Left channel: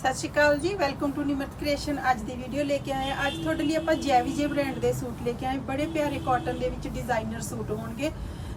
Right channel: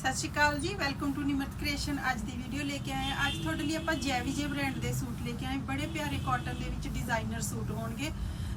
ਸਤਿ ਸ਼੍ਰੀ ਅਕਾਲ ਜੀ welcome to ਨਿਮਤ creation ਅੱਜ ਦੀ ਵੀਡੀਓ ਲੈ ਕੇ ਆਏ ਹਾਂ। ਅੱਜ ਤੁਹਾਡੇ ਲਈ ਆਪਾਂ ਜੈਵੀਜੇ ਬ੍ਰਾਂਡ ਦੇ ਸੂਟ ਲੈ ਕੇ ਆਏ ਬੜੇ ਪਿਆਰੇ ਕਾਟਨ ਦੇ ਵਿੱਚ ਡਿਜ਼ਾਈਨਰ ਸੂਟ ਹੋਣਗੇ।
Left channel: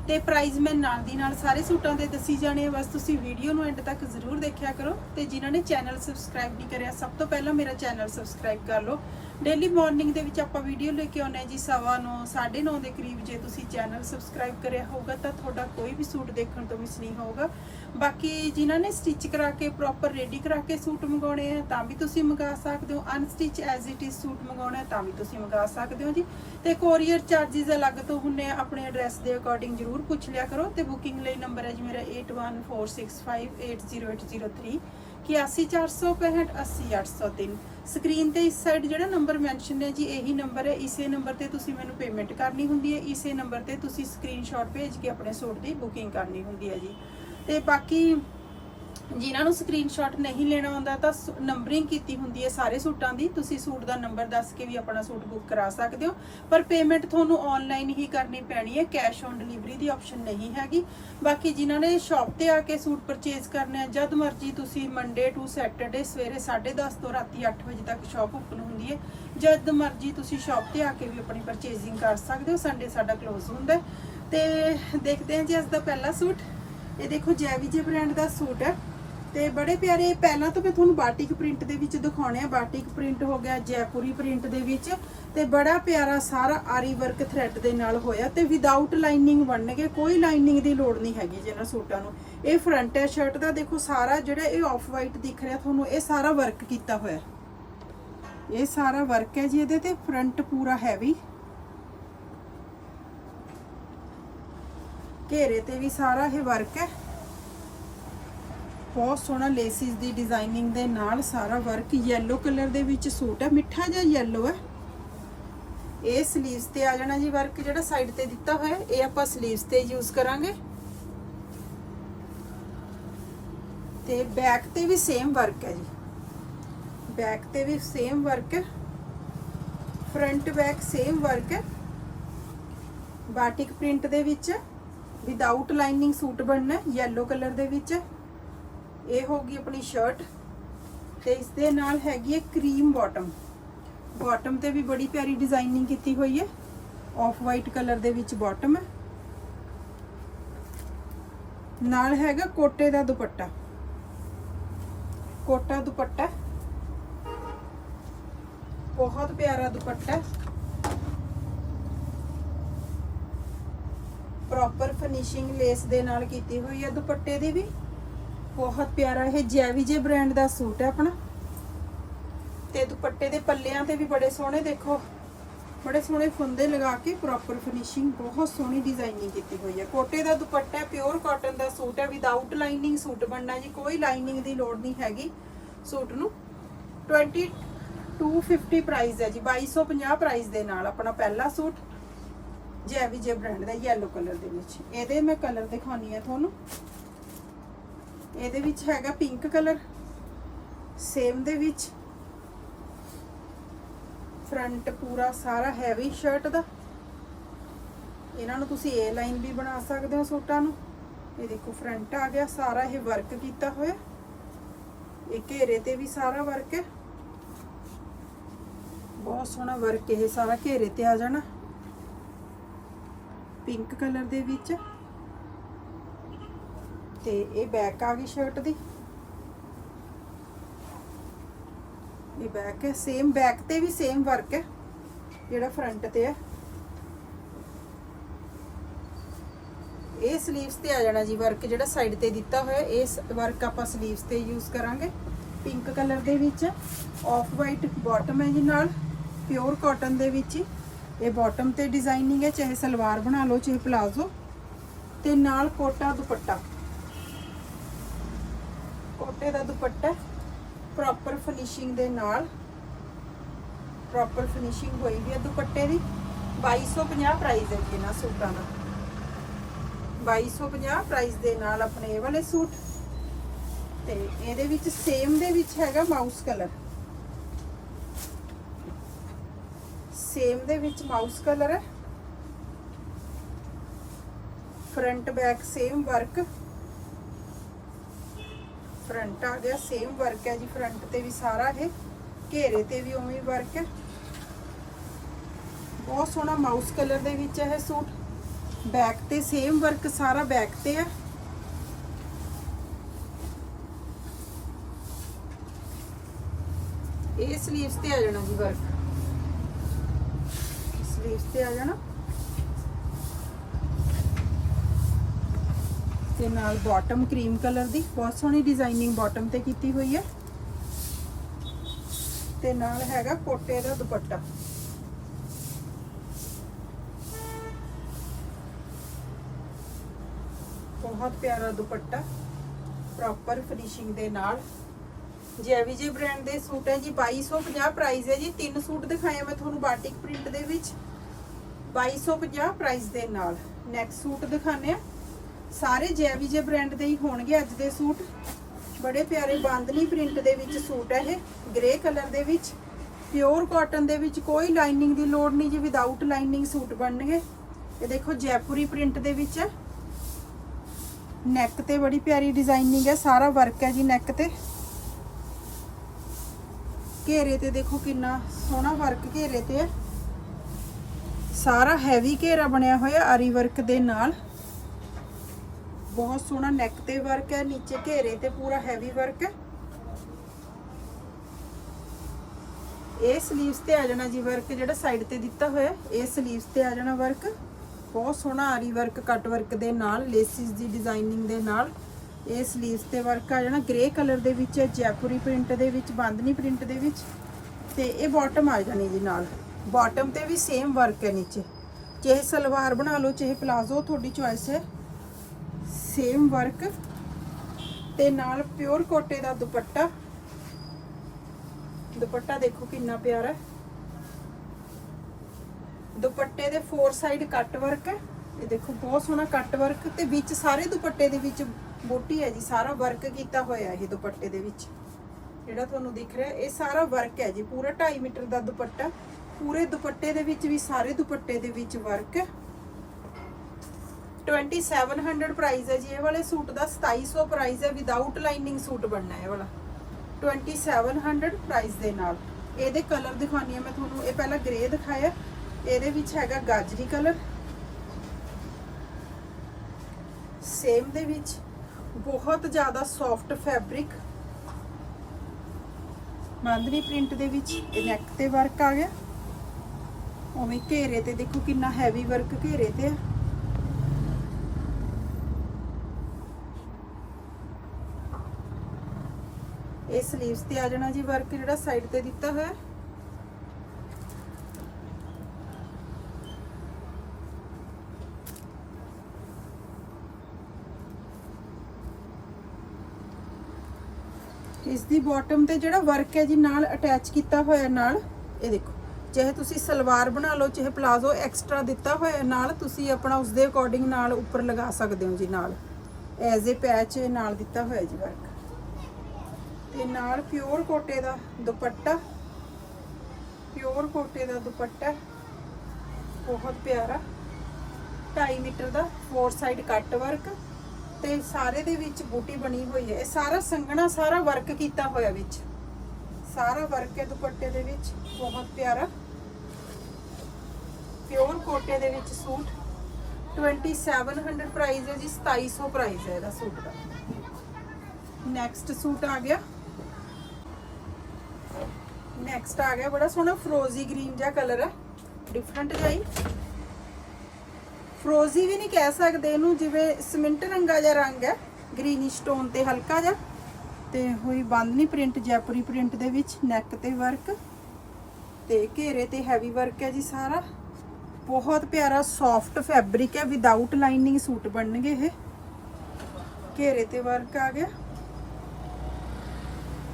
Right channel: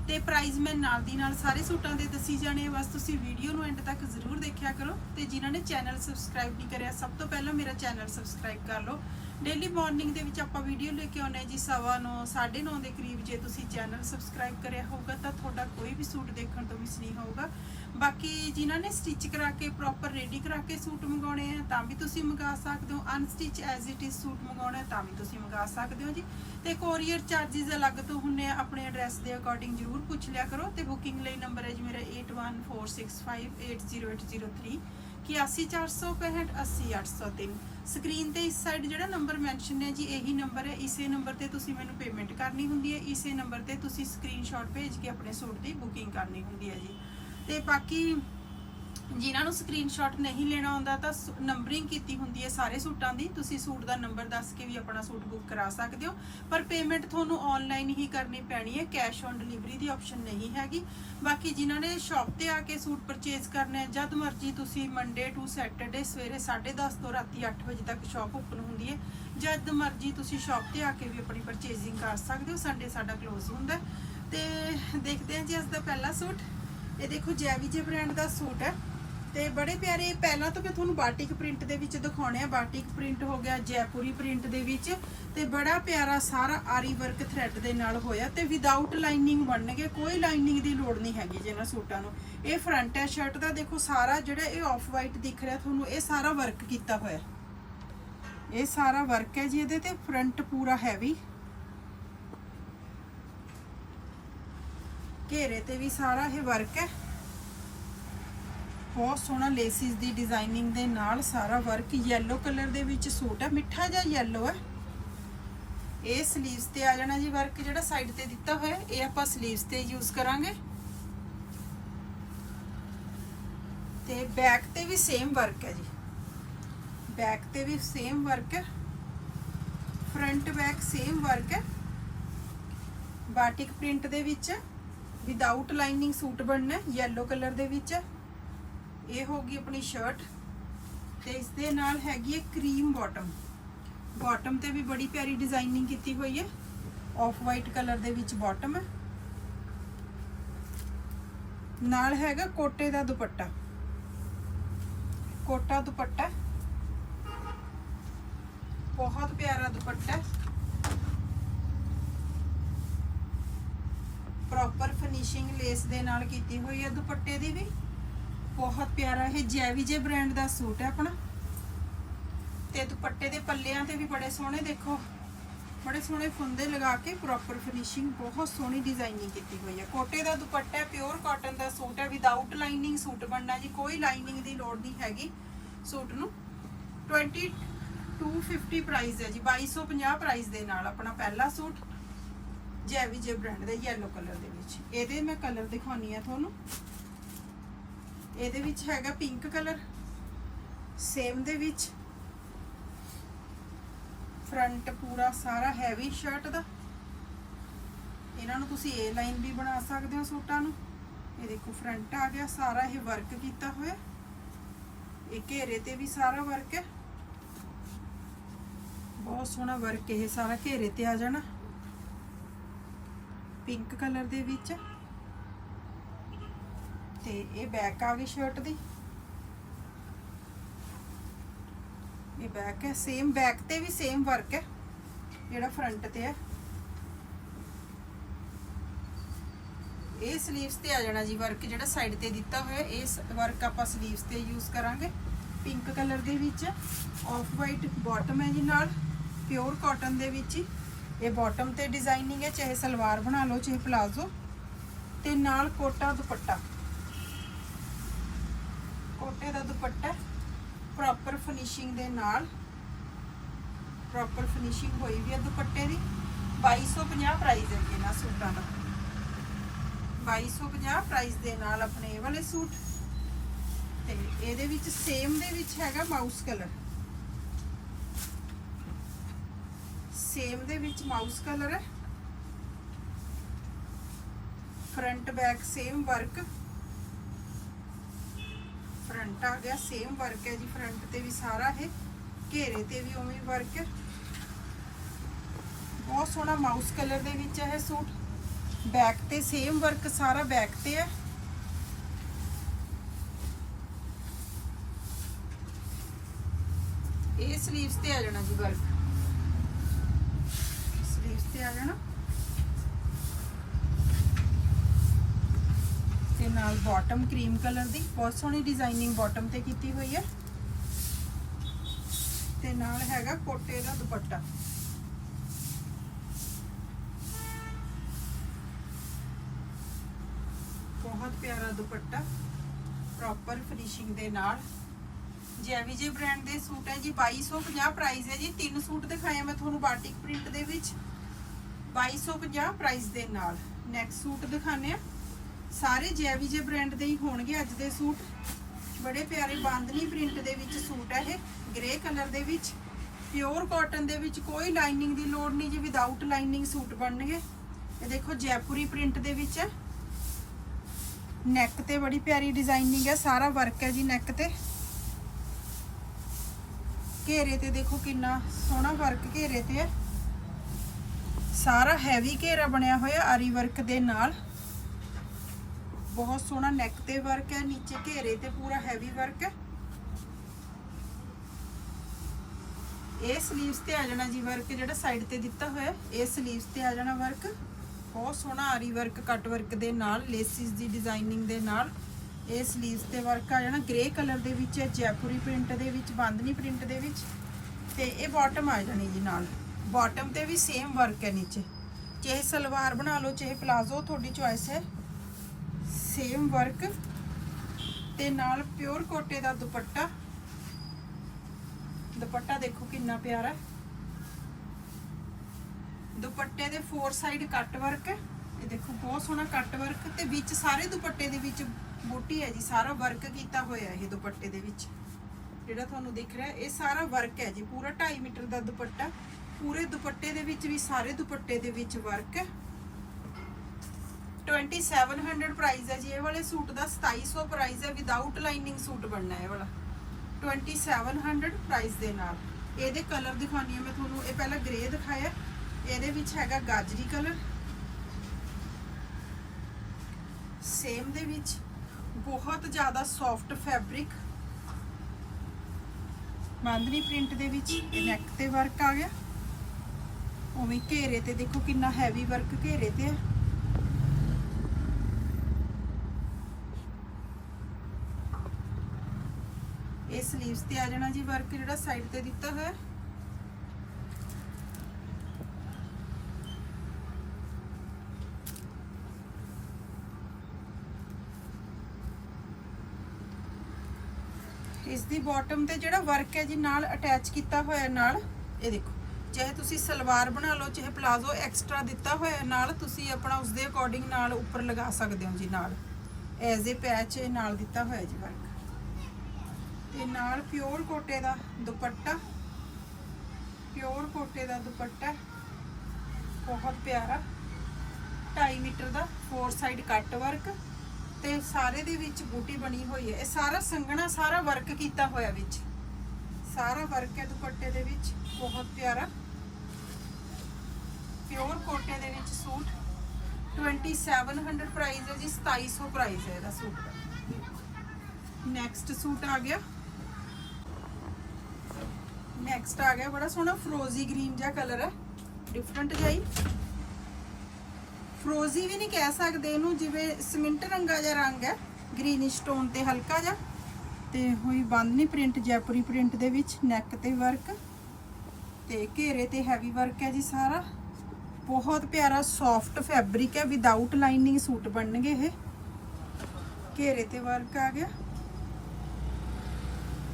ਤੇ ਪ੍ਰਾਈਸ ਮੈਂ ਨਾਲ ਦੀ ਨਾਲ ਸਾਰੇ ਸੂਟਾਂ ਦੇ ਦੱਸੀ ਜਾਣੇ ਬਸ ਤੁਸੀਂ ਵੀਡੀਓ ਨੂੰ ਐਂਡ ਤੱਕ ਜ਼ਰੂਰ ਦੇਖਿਆ ਕਰੋ। ਤੇ ਜਿਨ੍ਹਾਂ ਨੇ ਚੈਨਲ ਸਬਸਕ੍ਰਾਈਬ ਨਹੀਂ ਕਰਿਆ, ਸਭ ਤੋਂ ਪਹਿਲਾਂ ਮੇਰਾ ਚੈਨਲ ਸਬਸਕ੍ਰਾਈਬ ਕਰ ਲਓ। ਡੇਲੀ ਮਾਰਨਿੰਗ ਦੇ ਵਿੱਚ ਆਪਾਂ ਵੀਡੀਓ ਲੈ ਕੇ ਆਉਂਦੇ ਹਾਂ ਜੀ ਸਵਾ ਨੌ, ਸਾਢੇ 9:30 ਦੇ ਕਰੀਬ ਜੇ ਤੁਸੀਂ ਚੈਨਲ ਸਬਸਕ੍ਰਾਈਬ ਕਰਿਆ ਹੋਊਗਾ ਤਾਂ ਤੁਹਾਡਾ ਕੋਈ ਵੀ ਸੂਟ ਦੇਖਣ ਤੋਂ ਮਿਸ ਨਹੀਂ ਹੋਊਗਾ। ਬਾਕੀ ਜਿਨ੍ਹਾਂ ਨੇ ਸਟਿਚ ਕਰਾ ਕੇ ਪ੍ਰੋਪਰ ਰੈਡੀ ਕਰਾ ਕੇ ਸੂਟ ਮੰਗਾਉਣੇ ਆ ਤਾਂ ਵੀ ਤੁਸੀਂ ਮੰਗਾ ਸਕਦੇ ਹੋ। Unstitch as it is suit ਮੰਗਾਉਣਾ ਤਾਂ ਵੀ ਤੁਸੀਂ ਮੰਗਾ ਸਕਦੇ ਹੋ ਜੀ। ਤੇ ਕੋਰੀਅਰ ਚਾਰजेस ਅਲੱਗ ਤੋਂ ਹੁੰਨੇ ਆ ਆਪਣੇ ਐਡਰੈਸ ਦੇ ਅਕੋਰਡਿੰਗ ਜਰੂਰ ਪੁੱਛ ਲਿਆ ਕਰੋ। ਤੇ ਬੁਕਿੰਗ ਲਈ ਨੰਬਰ ਹੈ ਜੀ ਮੇਰਾ 8146580803 814065 ਸਕਰੀਨ ਤੇ ਇਸ ਸਾਈਡ ਜਿਹੜਾ ਨੰਬਰ ਮੈਂਸ਼ਨ ਹੈ ਜੀ, ਇਹੀ ਨੰਬਰ ਹੈ। ਇਸੇ ਨੰਬਰ ਤੇ ਤੁਸੀਂ ਮੈਨੂੰ ਪੇਮੈਂਟ ਕਰਨੀ ਹੁੰਦੀ ਹੈ। ਇਸੇ ਨੰਬਰ ਤੇ ਤੁਸੀਂ ਸਕਰੀਨਸ਼ਾਟ ਭੇਜ ਕੇ ਆਪਣੇ ਸੂਟ ਦੀ ਬੁਕਿੰਗ ਕਰਨੀ ਹੁੰਦੀ ਹੈ ਜੀ। ਤੇ ਬਾਕੀ ਜਿਨ੍ਹਾਂ ਨੂੰ ਸਕਰੀਨਸ਼ਾਟ ਨਹੀਂ ਲੈਣਾ ਆਉਂਦਾ ਤਾਂ ਨੰਬਰਿੰਗ ਕੀਤੀ ਹੁੰਦੀ ਹੈ ਸਾਰੇ ਸੂਟਾਂ ਦੀ। ਤੁਸੀਂ ਸੂਟ ਦਾ ਨੰਬਰ ਦੱਸ ਕੇ ਵੀ ਆਪਣਾ ਸੂਟ ਬੁੱਕ ਕਰਾ ਸਕਦੇ ਹੋ। ਪਰ ਪੇਮੈਂਟ ਤੁਹਾਨੂੰ ਆਨਲਾਈਨ ਹੀ ਕਰਨੀ ਪੈਣੀ ਹੈ। ਕੈਸ਼ ਔਨ ਡਿਲੀਵਰੀ ਦੀ ਆਪਸ਼ਨ ਨਹੀਂ ਹੈਗੀ। ਬਾਕੀ ਜਿਨ੍ਹਾਂ ਨੇ ਸ਼ਾਪ ਤੇ ਆ ਕੇ ਸੂਟ ਪਰਚੇਜ਼ ਕਰਨੇ ਆ, ਜਦ ਮਰਜ਼ੀ ਤੁਸੀਂ ਮੰਡੇ ਟੂ ਸੈਟਰਡੇ ਸਵੇਰੇ 10:30 ਤੋਂ ਰਾਤੀ 8 ਵਜੇ ਤੱਕ ਸ਼ਾਪ ਓਪਨ ਹੁੰਦੀ ਹੈ। ਜਦ ਮਰਜ਼ੀ ਤੁਸੀਂ ਸ਼ਾਪ ਤੇ ਆ ਕੇ ਵੀ ਆਪਣੀ ਪਰਚੇਸਿੰਗ ਕਰ ਸਕਦੇ ਹੋ। ਸੰਡੇ ਸਾਡਾ ਕਲੋਜ਼ ਹੁੰਦਾ ਹੈ। ਤੇ ਦੇਖਦੇ ਹਾਂ ਜੀ ਅੱਜ ਦਾ ਪਹਿਲਾ ਸੂਟ। ਇਹ ਦੇਖੋ ਜੈਵੀਜੇ ਬ੍ਰਾਂਡ ਦਾ ਸੂਟ ਹੈ ਤੇ ਬੜੇ ਪਿਆਰੇ, ਪਹਿਲਾਂ ਤਾਂ ਮੈਂ ਤੁਹਾਨੂੰ ਬਾਟਿਕ ਪ੍ਰਿੰਟ ਦੇ ਵਿੱਚ ਦਿਖਾਉਣੇ ਆ। ਬਾਟਿਕ ਪ੍ਰਿੰਟ ਹੋ ਗਿਆ, ਜੈਪੁਰੀ ਪ੍ਰਿੰਟ ਦੇ ਵਿੱਚ ਤੇ ਬੜਾ ਪਿਆਰਾ ਸਾਰਾ ਆਰੀ ਵਰਕ ਥ੍ਰੈਡ ਦੇ ਨਾਲ ਹੋਇਆ ਤੇ ਵਿਦਆਊਟ ਲਾਈਨਿੰਗ ਬਣਨਗੇ, ਕੋਈ ਲਾਈਨਿੰਗ ਦੀ ਲੋੜ ਨਹੀਂ ਹੈਗੀ ਜੀ ਇਹਨਾਂ ਸੂਟਾਂ ਨੂੰ। ਇਹ ਫਰੰਟ ਹੈ ਸ਼ਰਟ ਦਾ ਦੇਖੋ ਸਾਰਾ ਜਿਹੜਾ ਇਹ ਆਫ ਵਾਈਟ ਦਿਖ ਰਿਹਾ, ਤੁਹਾਨੂੰ ਇਹ ਸਾਰਾ ਵਰਕ ਕੀਤਾ ਹੋਇਆ। ਇਹ ਸਾਰਾ ਵਰਕ ਹੈ ਜੀ ਇਹਦੇ ਤੇ ਫਰੰਟ ਪੂਰਾ ਹੈਵੀ ਘੇਰੇ ਤੇ ਵੀ ਸਾਰਾ ਇਹ ਵਰਕ ਹੈ। ਬਹੁਤ ਸੋਹਣਾ ਲੇਸਿਸ ਦੀ ਡਿਜ਼ਾਈਨਿੰਗ ਦੇ ਨਾਲ ਸਾਰਾ ਵਰਕ ਯੈਲੋ ਕਲਰ ਦੇ ਵਿੱਚ ਸੂਟ ਹੈ। ਮਿੱਠਾ ਜਿਹਾ ਯੈਲੋ ਹੈ। ਇਹ ਸਲੀਵਸ ਤੇ ਆ ਜਾਣਾ ਜੀ ਵਰਕ ਜਿਹੜਾ ਸਾਈਡ ਤੇ ਦਿੱਤਾ ਹੋਇਆ ਇਹ ਆਪਾਂ ਸਲੀਵਸ ਤੇ ਯੂਜ਼ ਕਰਾਂਗੇ। ਤੇ ਬੈਕ ਤੇ ਵੀ ਸੇਮ ਵਰਕ ਹੈ ਜੀ। ਬੈਕ ਤੇ ਵੀ ਸੇਮ ਵਰਕ ਹੈ। ਫਰੰਟ ਬੈਕ ਸੇਮ ਵਰਕ ਹੈ। ਬਾਟਿਕ ਪ੍ਰਿੰਟ ਦੇ ਵਿੱਚ ਵਿਦਆਊਟ ਲਾਈਨਿੰਗ ਸੂਟ ਬਣਨਾ ਯੈਲੋ ਕਲਰ ਦੇ ਵਿੱਚ। ਇਹ ਹੋਗੀ ਆਪਣੀ ਸ਼ਰਟ ਤੇ ਇਸ ਦੇ ਨਾਲ ਹੈਗੀ ਹੈ ਕਰੀਮ ਬਾਟਮ ਬਾਟਮ ਤੇ ਵੀ ਬੜੀ ਪਿਆਰੀ ਡਿਜ਼ਾਈਨਿੰਗ ਕੀਤੀ ਹੋਈ ਹੈ। ਆਫ ਵਾਈਟ ਕਲਰ ਦੇ ਵਿੱਚ ਬਾਟਮ ਹੈ। ਨਾਲ ਹੈਗਾ ਕੋਟੇ ਦਾ ਦੁਪੱਟਾ। ਕੋਟਾ ਦੁਪੱਟਾ। ਬਹੁਤ ਪਿਆਰਾ ਦੁਪੱਟਾ ਪ੍ਰੋਪਰ ਫਿਨਿਸ਼ਿੰਗ ਲੇਸ ਦੇ ਨਾਲ ਕੀਤੀ ਹੋਈ ਹੈ ਦੁਪੱਟੇ ਦੀ ਵੀ। ਬਹੁਤ ਪਿਆਰਾ ਇਹ ਜੈਵੀ ਜੈਵੀਜੇ ਬ੍ਰਾਂਡ ਦਾ ਸੂਟ ਹੈ ਆਪਣਾ। ਤੇ ਦੁਪੱਟੇ ਦੇ ਪੱਲਿਆਂ ਤੇ ਵੀ ਬੜੇ ਸੋਹਣੇ ਦੇਖੋ। ਬੜੇ ਸੋਹਣੇ ਫੁੰਦੇ ਲਗਾ ਕੇ ਪ੍ਰੋਪਰ ਫਿਨਿਸ਼ਿੰਗ ਬਹੁਤ ਸੋਹਣੀ ਡਿਜ਼ਾਈਨਿੰਗ ਕੀਤੀ ਹੋਈ ਹੈ। ਕੋਟੇ ਦਾ ਦੁਪੱਟਾ ਹੈ ਪਿਓਰ ਕਾਟਨ ਦਾ ਸੂਟ ਹੈ। ਵਿਦਆਊਟ ਲਾਈਨਿੰਗ ਸੂਟ ਬਣਨਾ ਜੀ, ਕੋਈ ਲਾਈਨਿੰਗ ਦੀ ਲੋੜ ਨਹੀਂ ਹੈਗੀ ਸੂਟ ਨੂੰ। 2250 ਪ੍ਰਾਈਸ ਹੈ ਜੀ 2250 ਪ੍ਰਾਈਸ ਦੇ ਨਾਲ ਆਪਣਾ ਪਹਿਲਾ ਸੂਟ। ਜੈ ਵੀ ਜੈ ਬ੍ਰਾਂਡ ਦਾ ਯੈਲੋ ਕਲਰ ਦੇ ਵਿੱਚ। ਇਹਦੇ ਮੈਂ ਕਲਰ ਦਿਖਾਉਣੀ ਹੈ ਤੁਹਾਨੂੰ। ਇਹਦੇ ਵਿੱਚ ਹੈਗਾ ਪਿੰਕ ਕਲਰ ਸੇਮ ਦੇ ਵਿੱਚ। ਫਰੰਟ ਪੂਰਾ ਸਾਰਾ ਹੈਵੀ ਸ਼ਰਟ ਦਾ। ਇਹਨਾਂ ਨੂੰ ਤੁਸੀਂ ਏ ਲਾਈਨ ਵੀ ਬਣਾ ਸਕਦੇ ਹੋ ਸੂਟਾਂ ਨੂੰ। ਇਹ ਦੇਖੋ ਫਰੰਟ ਆ ਗਿਆ, ਸਾਰਾ ਇਹ ਵਰਕ ਕੀਤਾ ਹੋਇਆ। ਇਹ ਘੇਰੇ ਤੇ ਵੀ ਸਾਰਾ ਵਰਕ ਹੈ। ਬਹੁਤ ਸੋਹਣਾ ਵਰਕ ਇਹ ਸਾਰਾ ਘੇਰੇ ਤੇ ਆ ਜਾਣਾ। ਪਿੰਕ ਕਲਰ ਦੇ ਵਿੱਚ। ਤੇ ਇਹ ਬੈਕ ਆ ਗਈ ਸ਼ਰਟ ਦੀ। ਇਹ ਬੈਕ ਹੈ ਸੇਮ ਬੈਕ ਤੇ ਵੀ ਸੇਮ ਵਰਕ ਹੈ, ਜਿਹੜਾ ਫਰੰਟ ਤੇ ਹੈ। ਇਹ ਸਲੀਵਸ ਤੇ ਆ ਜਾਣਾ ਜੀ ਵਰਕ ਜਿਹੜਾ ਸਾਈਡ ਤੇ ਦਿੱਤਾ ਹੋਇਆ, ਇਹ ਵਰਕ ਆਪਾਂ ਸਲੀਵਸ ਤੇ ਯੂਜ਼ ਕਰਾਂਗੇ। ਪਿੰਕ ਕਲਰ ਦੇ ਵਿੱਚ ਆਫ ਵਾਈਟ ਬਾਟਮ ਹੈ ਜੀ ਨਾਲ ਪਿਓਰ ਕਾਟਨ ਦੇ ਵਿੱਚ ਇਹ ਬਾਟਮ ਤੇ ਡਿਜ਼ਾਈਨਿੰਗ ਹੈ, ਚਾਹੇ ਸਲਵਾਰ ਬਣਾ ਲਓ, ਚਾਹੇ ਪਲਾਜ਼ੋ ਤੇ ਨਾਲ ਕੋਟਾ ਦੁਪੱਟਾ। ਕੋਟੇ ਦਾ ਦੁਪੱਟਾ ਪ੍ਰੋਪਰ ਫਿਨਿਸ਼ਿੰਗ ਦੇ ਨਾਲ। ਪ੍ਰੋਪਰ ਫਿਨਿਸ਼ਿੰਗ ਹੋਈ ਵੀ ਹੈ ਦੁਪੱਟੇ ਦੀ। 2250 ਪ੍ਰਾਈਸ ਹੈ ਜੀ ਇਹਨਾਂ ਸੂਟਾਂ ਦਾ। 2250 ਪ੍ਰਾਈਸ ਦੇ ਨਾਲ ਆਪਣੇ ਇਹ ਵਾਲੇ ਸੂਟ। ਤੇ ਇਹਦੇ ਵਿੱਚ ਸੇਮ ਦੇ ਵਿੱਚ ਹੈਗਾ ਮਾਊਸ ਕਲਰ ਸੇਮ ਦੇ ਵਿੱਚ ਮਾਊਸ ਕਲਰ ਹੈ। Front back same work. Front ਆ ਗਿਆ, ਸੇਮ ਵਰਕ ਹੈ ਜੀ। ਫਰੰਟ ਤੇ ਵੀ ਸਾਰਾ ਇਹ। ਘੇਰੇ ਤੇ ਵੀ ਉਵੇਂ ਵਰਕ ਹੈ। ਬਹੁਤ ਸੋਹਣਾ ਮਾਊਸ ਕਲਰ ਦੇ ਵਿੱਚ ਹੈ ਇਹ ਸੂਟ। ਬੈਕ ਤੇ ਸੇਮ ਵਰਕ, ਸਾਰਾ ਬੈਕ ਤੇ ਹੈ। ਇਹ ਸਲੀਵਸ ਤੇ ਆ ਜਾਣਾ ਜੀ ਵਰਕ। ਸਲੀਵਸ ਤੇ ਆ ਜਾਣਾ। ਤੇ ਨਾਲ ਬਾਟਮ ਕਰੀਮ ਕਲਰ ਦੀ, ਬਹੁਤ ਸੋਹਣੀ ਡਿਜ਼ਾਈਨਿੰਗ ਬਾਟਮ ਤੇ ਕੀਤੀ ਹੋਈ ਹੈ ਤੇ ਨਾਲ ਹੈਗਾ ਕੋਟੇ ਦਾ ਦੁਪੱਟਾ। ਬਹੁਤ ਪਿਆਰਾ ਦੁਪੱਟਾ ਪ੍ਰੋਪਰ ਫਿਨਿਸ਼ਿੰਗ ਦੇ ਨਾਲ। ਜੈਵੀਜੇ ਬ੍ਰਾਂਡ ਦੇ ਸੂਟ ਹੈ ਜੀ 2250 ਪ੍ਰਾਈਸ ਹੈ ਜੀ, ਤਿੰਨ ਸੂਟ ਦਿਖਾਏ ਮੈਂ ਤੁਹਾਨੂੰ ਬਾਟਿਕ ਪ੍ਰਿੰਟ ਦੇ ਵਿੱਚ। 2250 ਪ੍ਰਾਈਸ ਦੇ ਨਾਲ। ਨੈਕਸਟ ਸੂਟ ਦਿਖਾਣੇ ਆ ਸਾਰੇ ਜੈਵੀ ਜੈਵੀਜੇ ਬ੍ਰਾਂਡ ਦੇ ਹੀ ਹੋਣਗੇ ਅੱਜ ਦੇ ਸੂਟ। ਬੜੇ ਪਿਆਰੇ ਬਾਂਦਨੀ ਪ੍ਰਿੰਟ ਦੇ ਵਿੱਚ ਸੂਟ ਹੈ ਇਹ। ਗ੍ਰੇ ਕਲਰ ਦੇ ਵਿੱਚ। ਪਿਓਰ ਕਾਟਨ ਦੇ ਵਿੱਚ ਕੋਈ ਲਾਈਨਿੰਗ ਦੀ ਲੋੜ ਨਹੀਂ ਜੀ ਵਿਦਆਊਟ ਲਾਈਨਿੰਗ ਸੂਟ ਬਣਨਗੇ। ਇਹ ਦੇਖੋ ਜੈਪੁਰੀ ਪ੍ਰਿੰਟ ਦੇ ਵਿੱਚ ਹੈ ਨੈਕ ਤੇ ਬੜੀ ਪਿਆਰੀ ਡਿਜ਼ਾਈਨਿੰਗ ਹੈ ਸਾਰਾ ਵਰਕ ਹੈ ਜੀ ਨੈਕ ਤੇ। ਘੇਰੇ ਤੇ ਦੇਖੋ ਕਿੰਨਾ ਸੋਹਣਾ ਵਰਕ ਘੇਰੇ ਤੇ ਹੈ ਸਾਰਾ ਹੈਵੀ ਘੇਰਾ ਬਣਿਆ ਹੋਇਆ ਆਰੀ ਵਰਕ ਦੇ ਨਾਲ। ਬਹੁਤ ਸੋਹਣਾ ਨੈਕ ਤੇ ਵਰਕ ਹੈ, ਨੀਚੇ ਘੇਰੇ ਤੇ ਪੂਰਾ ਹੈਵੀ ਵਰਕ ਹੈ। ਇਹ ਸਲੀਵਸ ਤੇ ਆ ਜਾਣਾ ਜੀ ਵਰਕ ਜਿਹੜਾ ਸਾਈਡ ਤੇ ਦਿੱਤਾ ਹੋਇਆ, ਇਹ ਸਲੀਵਸ ਤੇ ਆ ਜਾਣਾ ਵਰਕ ਬਹੁਤ ਸੋਹਣਾ ਆਰੀ ਵਰਕ ਕੱਟ ਵਰਕ ਦੇ ਨਾਲ ਲੇਸਿਸ ਦੀ ਡਿਜ਼ਾਈਨਿੰਗ ਦੇ ਨਾਲ। ਇਹ ਸਲੀਵਸ ਤੇ ਵਰਕ ਆ ਜਾਣਾ ਗ੍ਰੇ ਕਲਰ ਦੇ ਵਿੱਚ ਹੈ ਜੈਪੁਰੀ ਪ੍ਰਿੰਟ ਦੇ ਵਿੱਚ, ਬਾਂਦਨੀ ਪ੍ਰਿੰਟ ਦੇ ਵਿੱਚ। ਤੇ ਇਹ ਬਾਟਮ ਆ ਜਾਣੀ ਜੀ ਨਾਲ। ਬਾਟਮ ਤੇ ਵੀ ਸੇਮ ਵਰਕ ਹੈ ਨੀਚੇ। ਚਾਹੇ ਸਲਵਾਰ ਬਣਾ ਲਓ, ਚਾਹੇ ਪਲਾਜ਼ੋ ਤੁਹਾਡੀ ਚੁਆਇਸ ਹੈ। ਸੇਮ ਵਰਕ ਤੇ ਨਾਲ ਪਿਓਰ ਕੋਟੇ ਦਾ ਦੁਪੱਟਾ। ਦੁਪੱਟਾ ਦੇਖੋ ਕਿੰਨਾ ਪਿਆਰਾ ਹੈ। ਦੁਪੱਟੇ ਦੇ ਫੋਰ ਸਾਈਡ ਕੱਟ ਵਰਕ ਹੈ। ਇਹ ਦੇਖੋ ਬਹੁਤ ਸੋਹਣਾ ਕੱਟ ਵਰਕ ਤੇ ਵਿੱਚ ਸਾਰੇ ਦੁਪੱਟੇ ਦੇ ਵਿੱਚ ਬੋਟੀ ਹੈ ਜੀ। ਸਾਰਾ ਵਰਕ ਕੀਤਾ ਹੋਇਆ ਹੈ ਇਹ ਦੁਪੱਟੇ ਦੇ ਵਿੱਚ। ਜਿਹੜਾ ਤੁਹਾਨੂੰ ਦਿਖ ਰਿਹਾ, ਇਹ ਸਾਰਾ ਵਰਕ ਹੈ ਜੀ। ਪੂਰਾ 2.5 ਮੀਟਰ ਦਾ ਦੁਪੱਟਾ। ਪੂਰੇ ਦੁਪੱਟੇ ਦੇ ਵਿੱਚ ਵੀ, ਸਾਰੇ ਦੁਪੱਟੇ ਦੇ ਵਿੱਚ ਵਰਕ ਹੈ। 2700 ਪ੍ਰਾਈਸ ਹੈ ਜੀ, ਇਹ ਵਾਲੇ ਸੂਟ ਦਾ 2700 ਪ੍ਰਾਈਸ ਹੈ ਵਿਦਆਊਟ ਲਾਈਨਿੰਗ ਸੂਟ ਬਣਨਾ ਹੈ ਇਹ ਵਾਲਾ। 2700 ਪ੍ਰਾਈਸ ਦੇ ਨਾਲ। ਇਹਦੇ ਕਲਰ ਦਿਖਾਉਣੀ ਹੈ ਮੈਂ ਤੁਹਾਨੂੰ, ਇਹ ਪਹਿਲਾਂ ਗ੍ਰੇ ਦਿਖਾਇਆ। ਇਹਦੇ ਵਿੱਚ ਹੈਗਾ ਗਾਜਰੀ ਕਲਰ ਸੇਮ ਦੇ ਵਿੱਚ ਬਹੁਤ ਜ਼ਿਆਦਾ ਸੌਫਟ ਫੈਬਰਿਕ ਮੰਦਰੀ ਪ੍ਰਿੰਟ ਦੇ ਵਿੱਚ ਨੈਕ ਤੇ ਵਰਕ ਆ ਗਿਆ। ਉਵੇਂ ਘੇਰੇ ਤੇ ਦੇਖੋ ਕਿੰਨਾ ਹੈਵੀ ਵਰਕ ਘੇਰੇ ਤੇ ਹੈ ਇਹ ਸਲੀਵਸ ਤੇ ਆ ਜਾਣਾ ਜੀ ਵਰਕ ਜਿਹੜਾ ਸਾਈਡ ਤੇ ਦਿੱਤਾ ਹੋਇਆ। ਇਸ ਦੀ ਬਾਟਮ ਤੇ ਜਿਹੜਾ ਵਰਕ ਹੈ ਜੀ ਨਾਲ ਅਟੈਚ ਕੀਤਾ ਹੋਇਆ ਨਾਲ, ਇਹ ਦੇਖੋ। ਚਾਹੇ ਤੁਸੀਂ ਸਲਵਾਰ ਬਣਾ ਲਓ, ਚਾਹੇ ਪਲਾਜ਼ੋ ਐਕਸਟਰਾ ਦਿੱਤਾ ਹੋਇਆ ਨਾਲ ਤੁਸੀਂ ਆਪਣਾ ਉਸ ਦੇ ਅਕੋਰਡਿੰਗ ਨਾਲ ਉੱਪਰ ਲਗਾ ਸਕਦੇ ਹੋ ਜੀ ਨਾਲ। ਐਜ਼ ਏ ਪੈਚ ਇਹ ਨਾਲ ਦਿੱਤਾ ਹੋਇਆ ਜੀ ਵਰਕ ਤੇ ਨਾਲ ਪਿਓਰ ਕੋਟੇ ਦਾ ਦੁਪੱਟਾ ਪਿਓਰ ਕੋਟੇ ਦਾ ਦੁਪੱਟਾ, ਬਹੁਤ ਪਿਆਰਾ। 2.5 ਮੀਟਰ ਦਾ ਫੋਰ ਸਾਈਡ ਕੱਟ ਵਰਕ ਤੇ ਸਾਰੇ ਦੇ ਵਿੱਚ ਬੂਟੀ ਬਣੀ ਹੋਈ ਹੈ। ਇਹ ਸਾਰਾ ਸੰਗਣਾ ਸਾਰਾ ਵਰਕ ਕੀਤਾ ਹੋਇਆ ਵਿੱਚ। ਸਾਰਾ ਵਰਕ ਹੈ ਦੁਪੱਟੇ ਦੇ ਵਿੱਚ, ਬਹੁਤ ਪਿਆਰਾ। ਪਿਓਰ ਕੋਟੇ ਦੇ ਵਿੱਚ ਸੂਟ। 2700 ਪ੍ਰਾਈਸ ਹੈ ਜੀ 2700 ਪ੍ਰਾਈਸ ਹੈ ਇਹਦਾ ਸੂਟ ਦਾ। ਨੈਕਸਟ ਸੂਟ ਆ ਗਿਆ। ਨੈਕਸਟ ਆ ਗਿਆ, ਬੜਾ ਸੋਹਣਾ ਫਰੋਜ਼ੀ ਗ੍ਰੀਨ ਜਿਹਾ ਕਲਰ ਹੈ ਡਿਫਰੈਂਟ ਜਿਹਾ ਫਰੋਜ਼ੀ ਵੀ ਨਹੀਂ ਕਹਿ ਸਕਦੇ ਇਹਨੂੰ, ਜਿਵੇਂ ਸਿਮੈਂਟ ਰੰਗਾ ਜਿਹਾ ਰੰਗ ਹੈ ਗ੍ਰੀਨਿਸ਼ ਟੋਨ ਤੇ ਹਲਕਾ ਜਿਹਾ। ਤੇ ਹੋਈ ਬਾਂਦਨੀ ਪ੍ਰਿੰਟ ਜੈਪੁਰੀ ਪ੍ਰਿੰਟ ਦੇ ਵਿੱਚ ਨੈਕ ਤੇ ਵਰਕ ਤੇ ਘੇਰੇ ਤੇ ਹੈਵੀ ਵਰਕ ਹੈ ਜੀ ਸਾਰਾ। ਬਹੁਤ ਪਿਆਰਾ ਸੌਫਟ ਫੈਬਰਿਕ ਹੈ ਵਿਦਆਊਟ ਲਾਈਨਿੰਗ ਸੂਟ ਬਣਨਗੇ ਇਹ। ਘੇਰੇ ਤੇ ਵਰਕ ਆ ਗਿਆ।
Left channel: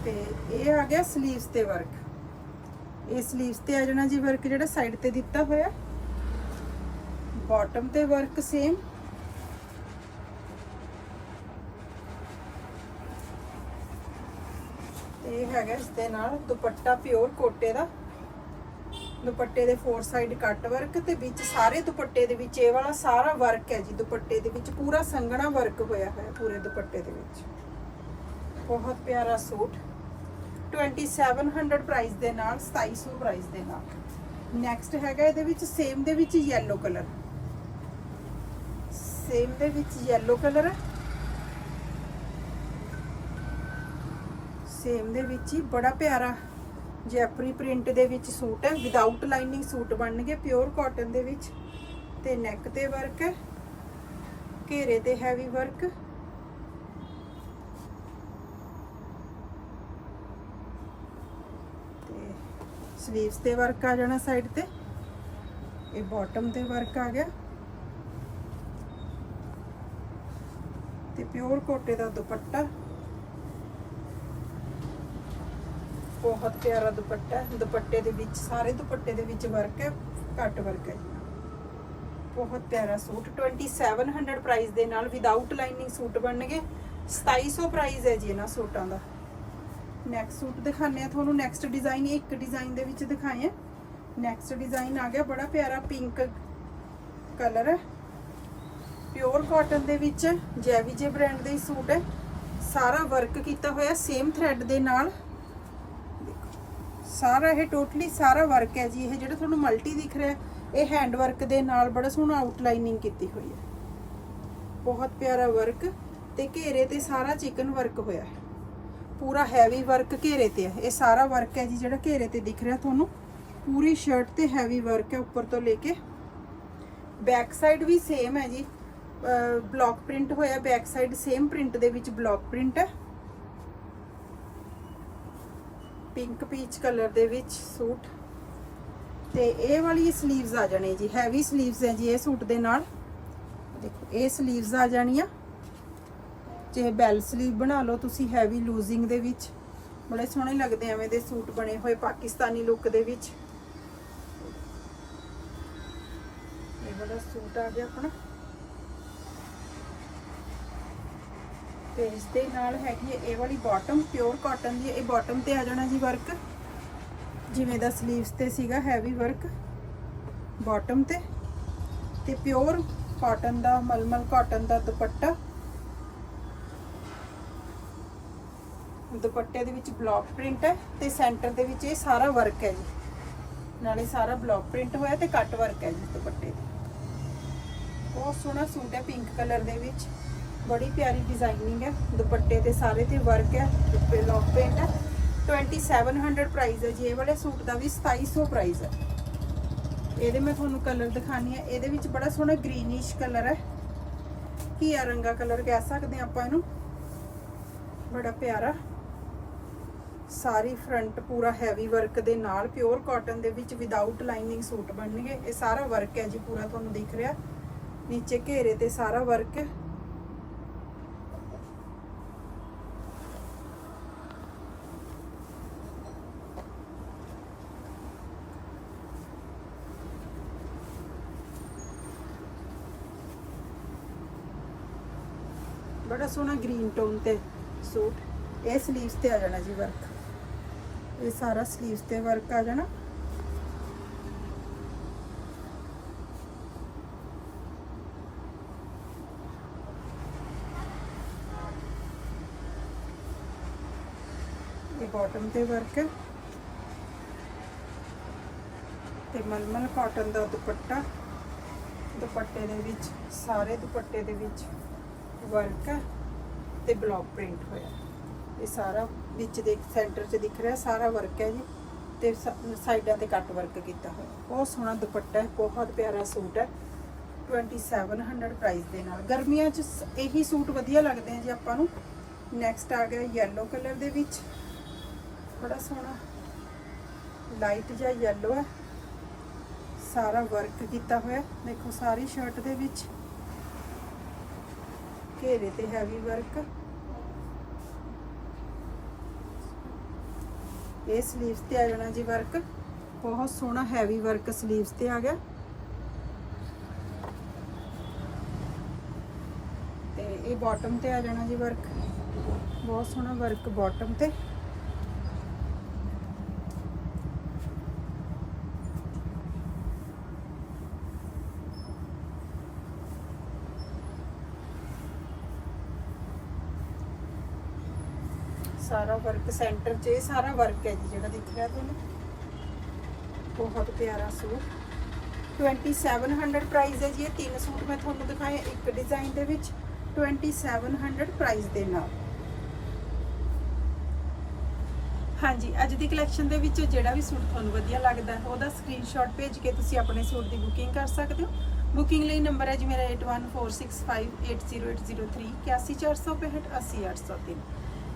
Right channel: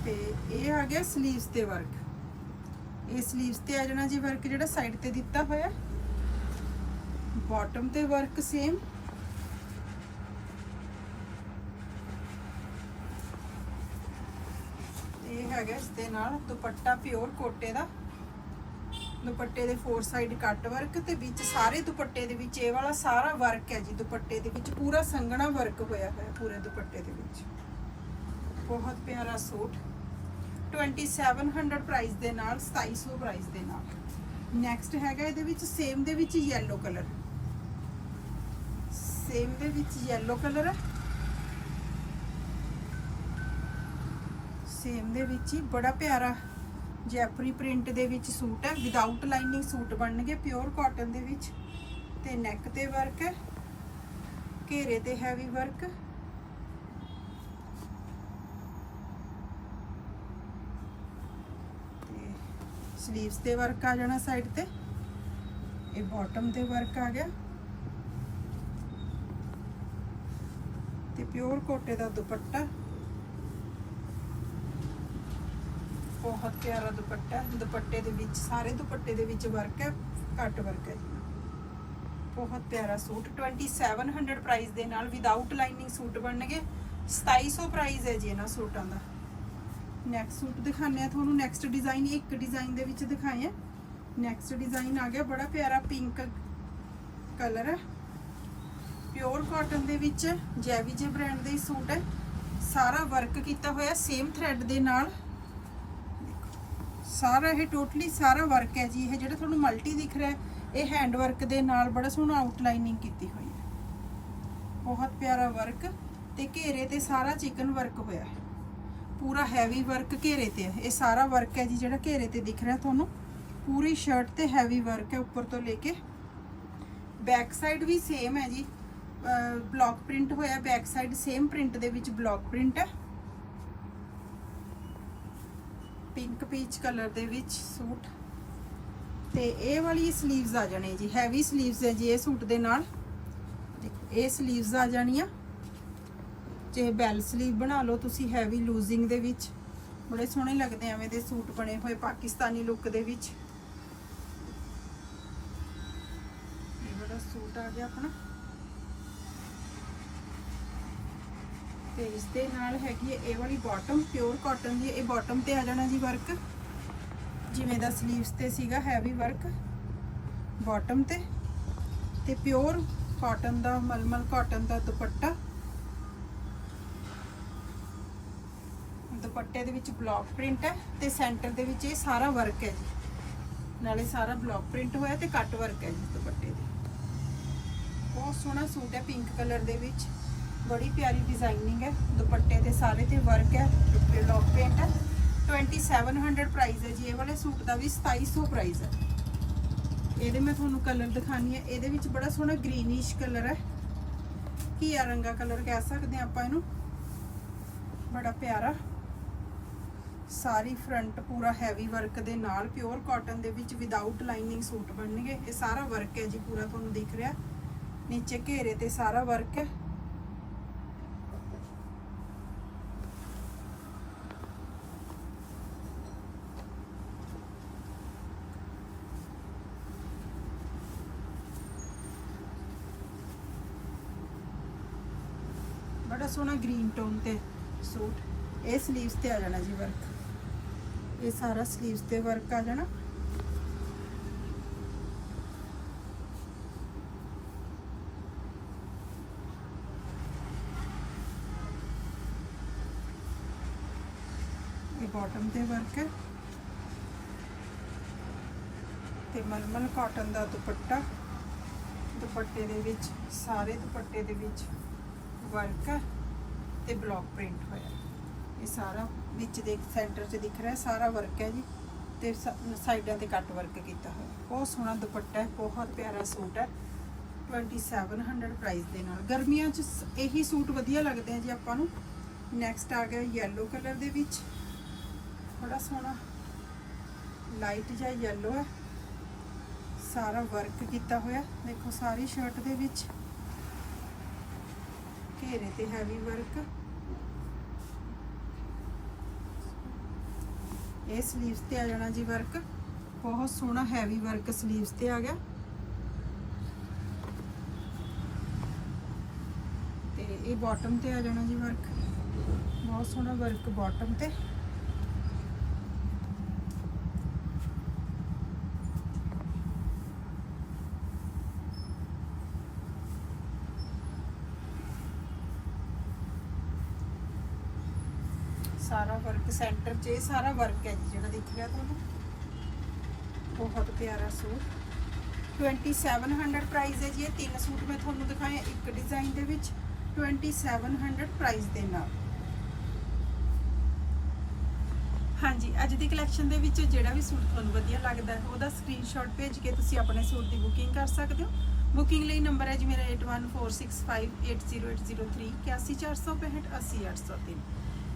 ਤੇ ਇਹ ਆ ਗਿਆ ਸਲੀਵਸ ਤੇ ਵਰਕ ਇਹ ਸਲੀਵਸ ਤੇ ਆ ਜਾਣਾ ਜੀ ਵਰਕ ਜਿਹੜਾ ਸਾਈਡ ਤੇ ਦਿੱਤਾ ਹੋਇਆ। ਬਾਟਮ ਤੇ ਵਰਕ ਸੇਮ ਇਹ ਹੈਗਾ ਇਸ ਦੇ ਨਾਲ, ਦੁਪੱਟਾ ਪਿਓਰ ਕੋਟੇ ਦਾ। ਦੁਪੱਟੇ ਦੇ ਫੋਰ ਸਾਈਡ ਕੱਟ ਵਰਕ ਤੇ ਵਿੱਚ ਸਾਰੇ ਦੁਪੱਟੇ ਦੇ ਵਿੱਚ, ਇਹ ਵਾਲਾ ਸਾਰਾ ਵਰਕ ਹੈ ਜੀ, ਦੁਪੱਟੇ ਦੇ ਵਿੱਚ ਪੂਰਾ ਸੰਘਣਾ ਵਰਕ ਹੋਇਆ ਹੋਇਆ ਪੂਰੇ ਦੁਪੱਟੇ ਦੇ ਵਿੱਚ। ਬਹੁਤ ਪਿਆਰਾ ਸੂਟ। 2700 ਪ੍ਰਾਈਸ ਦੇ ਨਾਲ 2700 ਪ੍ਰਾਈਸ ਦੇ ਨਾਲ। ਨੈਕਸਟ ਹੈਗਾ ਇਹਦੇ ਵਿੱਚ ਸੇਮ ਦੇ ਵਿੱਚ ਯੈਲੋ ਕਲਰ ਸੇਮ ਦੇ ਵਿੱਚ ਯੈਲੋ ਕਲਰ ਹੈ। ਸੇਮ ਦੇ ਵਿੱਚ ਹੀ ਬੜਾ ਪਿਆਰਾ ਜੈਪਰੀ ਪ੍ਰਿੰਟ ਦੇ ਵਿੱਚ ਸੂਟ ਹੈ ਵਿਦਆਊਟ ਲਾਈਨਿੰਗ ਸੂਟ ਬਣਨਗੇ ਪਿਓਰ ਕਾਟਨ ਦੇ ਵਿੱਚ। ਤੇ ਨੈਕ ਤੇ ਵਰਕ ਹੈ, ਘੇਰੇ ਤੇ ਹੈਵੀ ਵਰਕ ਤੇ ਸਲੀਵਸ ਤੇ ਵਰਕ ਆ ਜਾਣਾ ਸਾਈਡ ਤੇ। ਇਹ ਬਾਟਮ ਤੇ ਵਰਕ ਆ ਗਿਆ। ਤੇ ਪਿਓਰ ਕੋਟੇ ਦਾ ਦੁਪੱਟਾ। ਬਹੁਤ ਪਿਆਰਾ ਦੁਪੱਟਾ ਹੈ। ਦੁਪੱਟੇ ਦੇ ਵਿੱਚ, ਸਾਰੇ ਦੁਪੱਟੇ ਦੇ ਵਿੱਚ ਵਰਕ ਹੈ, ਘੱਟ ਵਰਕ ਹੈ ਜੀ। ਬਹੁਤ ਪਿਆਰਾ ਸੂਟ 2700 ਪ੍ਰਾਈਸ ਦੇ ਨਾਲ ਵਿਦਆਊਟ ਲਾਈਨਿੰਗ ਸੂਟ ਬਣਨਗੇ। 2700 ਪ੍ਰਾਈਸ ਹੈ ਜੀ ਇਹਨਾਂ ਸੂਟਾਂ ਦਾ। ਨੈਕਸਟ ਸੂਟ ਦਿਖਾਣੇ ਆ ਤੁਹਾਨੂੰ ਨੈਕਸਟ ਡਿਜ਼ਾਈਨ ਇੱਕ ਡਿਜ਼ਾਈਨ ਦੇ ਵਿੱਚ ਦਿਖਾਏ ਆ ਨੈਕਸਟ ਡਿਜ਼ਾਈਨ ਆ ਗਿਆ, ਬੜਾ ਪਿਆਰਾ ਪਿੰਕ ਕਲਰ ਹੈ। ਪਿਓਰ ਕਾਟਨ ਦੇ ਵਿੱਚ ਜੈਵੀਜੇ ਬ੍ਰਾਂਡ ਦੇ ਸੂਟ ਹੈ। ਸਾਰਾ ਵਰਕ ਕੀਤਾ ਹੋਇਆ ਸੇਮ ਥ੍ਰੈਡ ਦੇ ਨਾਲ। ਸਾਰਾ ਇਹ ਟੋਟਲੀ ਸਾਰਾ ਵਰਕ ਹੈ ਜੀ, ਇਹ ਜਿਹੜਾ ਤੁਹਾਨੂੰ ਮਲਟੀ ਦਿਖ ਰਿਹਾ, ਇਹ ਹੈਂਡ ਵਰਕ ਦੇ ਨਾਲ ਬੜਾ ਸੋਹਣਾ ਆਊਟਲਾਈਨਿੰਗ ਕੀਤੀ ਹੋਈ ਹੈ। ਬਹੁਤ ਪਿਆਰਾ ਵਰਕ ਤੇ ਘੇਰੇ ਤੇ ਸਾਰਾ ਚਿਕਨ ਵਰਕ ਹੋਇਆ ਹੈ। ਪੂਰਾ ਹੈਵੀ ਵਰਕ ਘੇਰੇ ਤੇ ਹੈ। ਇਹ ਸਾਰਾ ਵਰਕ ਹੈ ਜੀ, ਜਿਹੜਾ ਘੇਰੇ ਤੇ ਦਿਖ ਰਿਹਾ ਤੁਹਾਨੂੰ, ਪੂਰੀ ਸ਼ਰਟ ਤੇ ਹੈਵੀ ਵਰਕ ਹੈ ਉੱਪਰ ਤੋਂ ਲੈ ਕੇ। ਬੈਕ ਸਾਈਡ ਵੀ ਸੇਮ ਹੈ ਜੀ। ਬਲੌਕ ਪ੍ਰਿੰਟ ਹੋਇਆ ਬੈਕ ਸਾਈਡ ਸੇਮ ਪ੍ਰਿੰਟ ਦੇ ਵਿੱਚ ਬਲੌਕ ਪ੍ਰਿੰਟ ਹੈ। ਪਿੰਕ ਪੀਚ ਕਲਰ ਦੇ ਵਿੱਚ ਸੂਟ। ਤੇ ਇਹ ਵਾਲੀ ਸਲੀਵਸ ਆ ਜਾਣੇ ਜੀ ਹੈਵੀ ਸਲੀਵਸ ਹੈ ਜੀ ਇਹ ਸੂਟ ਦੇ ਨਾਲ। ਦੇਖੋ, ਇਹ ਸਲੀਵਸ ਆ ਜਾਣੀਆਂ। ਜੇ ਬੈਲ ਸਲੀਵ ਬਣਾ ਲਓ, ਤੁਸੀਂ ਹੈਵੀ ਲੂਜ਼ਿੰਗ ਦੇ ਵਿੱਚ। ਬੜੇ ਸੋਹਣੇ ਲੱਗਦੇ ਐਵੇਂ ਦੇ ਸੂਟ ਬਣੇ ਹੋਏ ਪਾਕਿਸਤਾਨੀ ਲੁੱਕ ਦੇ ਵਿੱਚ। ਇਹ ਬੜਾ ਸੂਟ ਆ ਗਿਆ ਆਪਣਾ। ਤੇ ਇਸ ਦੇ ਨਾਲ ਹੈਗੀ ਹੈ ਇਹ ਵਾਲੀ ਬਾਟਮ ਪਿਓਰ ਕਾਟਨ ਦੀ, ਇਹ ਬਾਟਮ ਤੇ ਆ ਜਾਣਾ ਜੀ ਵਰਕ ਜਿਵੇਂ ਦਾ ਸਲੀਵਸ ਤੇ ਸੀਗਾ ਹੈਵੀ ਵਰਕ ਬਾਟਮ ਤੇ। ਤੇ ਪਿਓਰ ਕਾਟਨ ਦਾ, ਮਲਮਲ ਕਾਟਨ ਦਾ ਦੁਪੱਟਾ। ਦੁਪੱਟੇ ਦੇ ਵਿੱਚ ਬਲੌਕ ਪ੍ਰਿੰਟ ਹੈ ਤੇ ਸੈਂਟਰ ਦੇ ਵਿੱਚ ਇਹ ਸਾਰਾ ਵਰਕ ਹੈ ਜੀ। ਨਾਲੇ ਸਾਰਾ ਬਲੌਕ ਪ੍ਰਿੰਟ ਹੋਇਆ ਤੇ ਕੱਟ ਵਰਕ ਹੈ ਜੀ ਦੁਪੱਟੇ ਦਾ। ਬਹੁਤ ਸੋਹਣਾ ਸੂਟ ਹੈ ਪਿੰਕ ਕਲਰ ਦੇ ਵਿੱਚ। ਬੜੀ ਪਿਆਰੀ ਡਿਜ਼ਾਈਨਿੰਗ ਹੈ, ਦੁਪੱਟੇ ਤੇ ਸਾਰੇ ਤੇ ਵਰਕ ਹੈ ਦੁਪੱਟੇ ਲੌਕ ਪ੍ਰਿੰਟ ਹੈ। 2700 ਪ੍ਰਾਈਸ ਹੈ ਜੀ, ਇਹ ਵਾਲੇ ਸੂਟ ਦਾ ਵੀ 2700 ਪ੍ਰਾਈਸ ਹੈ। ਇਹਦੇ ਮੈਂ ਤੁਹਾਨੂੰ ਕਲਰ ਦਿਖਾਣੀ ਹੈ, ਇਹਦੇ ਵਿੱਚ ਬੜਾ ਸੋਹਣਾ ਗ੍ਰੀਨਿਸ਼ ਕਲਰ ਹੈ। ਘੀਆ ਰੰਗਾ ਕਲਰ ਕਹਿ ਸਕਦੇ ਹਾਂ ਆਪਾਂ ਇਹਨੂੰ? ਬੜਾ ਪਿਆਰਾ। ਸਾਰੀ ਫਰੰਟ ਪੂਰਾ ਹੈਵੀ ਵਰਕ ਦੇ ਨਾਲ ਪਿਓਰ ਕਾਟਨ ਦੇ ਵਿੱਚ ਵਿਦਆਊਟ ਲਾਈਨਿੰਗ ਸੂਟ ਬਣਨਗੇ। ਇਹ ਸਾਰਾ ਵਰਕ ਹੈ ਜੀ, ਪੂਰਾ ਤੁਹਾਨੂੰ ਦਿਖ ਰਿਹਾ। ਨੀਚੇ ਘੇਰੇ ਤੇ ਸਾਰਾ ਵਰਕ ਹੈ ਬੜਾ ਸੋਹਣਾ ਗ੍ਰੀਨ ਟੋਨ ਤੇ ਸੂਟ। ਇਹ ਸਲੀਵਸ ਤੇ ਆ ਜਾਣਾ ਜੀ ਵਰਕ ਇਹ ਸਾਰਾ ਸਲੀਵਸ ਤੇ ਵਰਕ ਆ ਜਾਣਾ। ਇਹ ਬਾਟਮ ਤੇ ਵਰਕ ਹੈ। ਤੇ ਮਲਮਲ ਕਾਟਨ ਦਾ ਦੁਪੱਟਾ। ਦੁਪੱਟੇ ਦੇ ਵਿੱਚ, ਸਾਰੇ ਦੁਪੱਟੇ ਦੇ ਵਿੱਚ ਵਰਕ ਹੈ। ਤੇ ਬਲੌਕ ਪ੍ਰਿੰਟ ਹੋਇਆ। ਇਹ ਸਾਰਾ ਵਿੱਚ ਦੇ ਸੈਂਟਰ 'ਚ ਦਿਖ ਰਿਹਾ, ਸਾਰਾ ਵਰਕ ਹੈ ਜੀ। ਤੇ ਸਾਈਡਾਂ ਤੇ ਕੱਟ ਵਰਕ ਕੀਤਾ ਹੋਇਆ। ਬਹੁਤ ਸੋਹਣਾ ਦੁਪੱਟਾ ਹੈ, ਬਹੁਤ ਪਿਆਰਾ ਸੂਟ ਹੈ। 2700 ਪ੍ਰਾਈਸ ਦੇ ਨਾਲ। ਗਰਮੀਆਂ 'ਚ ਸ- ਇਹੀ ਸੂਟ ਵਧੀਆ ਲੱਗਦੇ ਆ ਜੀ ਆਪਾਂ ਨੂੰ। ਨੈਕਸਟ ਆ ਗਿਆ ਯੈਲੋ ਕਲਰ ਦੇ ਵਿੱਚ। ਬੜਾ ਸੋਹਣਾ। ਲਾਈਟ ਜਿਹਾ ਯੈਲੋ ਹੈ। ਸਾਰਾ ਵਰਕ ਕੀਤਾ ਹੋਇਆ। ਦੇਖੋ, ਸਾਰੀ ਸ਼ਰਟ ਦੇ ਵਿੱਚ। ਘੇਰੇ ਤੇ ਹੈਵੀ ਵਰਕ ਇਹ ਸਲੀਵਸ ਤੇ ਆ ਜਾਣਾ ਜੀ ਵਰਕ ਬਹੁਤ ਸੋਹਣਾ ਹੈਵੀ ਵਰਕ ਸਲੀਵਸ ਤੇ ਆ ਗਿਆ। ਤੇ ਇਹ ਬਾਟਮ ਤੇ ਆ ਜਾਣਾ ਜੀ ਵਰਕ ਬਹੁਤ ਸੋਹਣਾ ਵਰਕ ਬਾਟਮ ਤੇ ਸਾਰਾ ਵਰਕ ਸੈਂਟਰ 'ਚ, ਇਹ ਸਾਰਾ ਵਰਕ ਹੈ ਜੀ ਜਿਹੜਾ ਦਿਖ ਰਿਹਾ ਤੁਹਾਨੂੰ ਬਹੁਤ ਪਿਆਰਾ ਸੂਟ। 2700 ਪ੍ਰਾਈਸ ਹੈ ਜੀ, ਇਹ ਤਿੰਨ ਸੂਟ ਮੈਂ ਤੁਹਾਨੂੰ ਦਿਖਾਏ, ਇੱਕ ਡਿਜ਼ਾਈਨ ਦੇ ਵਿੱਚ 2700 ਪ੍ਰਾਈਸ ਦੇ ਨਾਲ। ਹਾਂਜੀ, ਅੱਜ ਦੀ ਕਲੈਕਸ਼ਨ ਦੇ ਵਿੱਚ ਜਿਹੜਾ ਵੀ ਸੂਟ ਤੁਹਾਨੂੰ ਵਧੀਆ ਲੱਗਦਾ ਹੈ, ਉਹਦਾ ਸਕਰੀਨਸ਼ਾਟ ਭੇਜ ਕੇ ਤੁਸੀਂ ਆਪਣੇ ਸੂਟ ਦੀ ਬੁਕਿੰਗ ਕਰ ਸਕਦੇ ਹੋ। ਬੁਕਿੰਗ ਲਈ ਨੰਬਰ ਹੈ ਜੀ ਮੇਰਾ 8146580803 81465 80803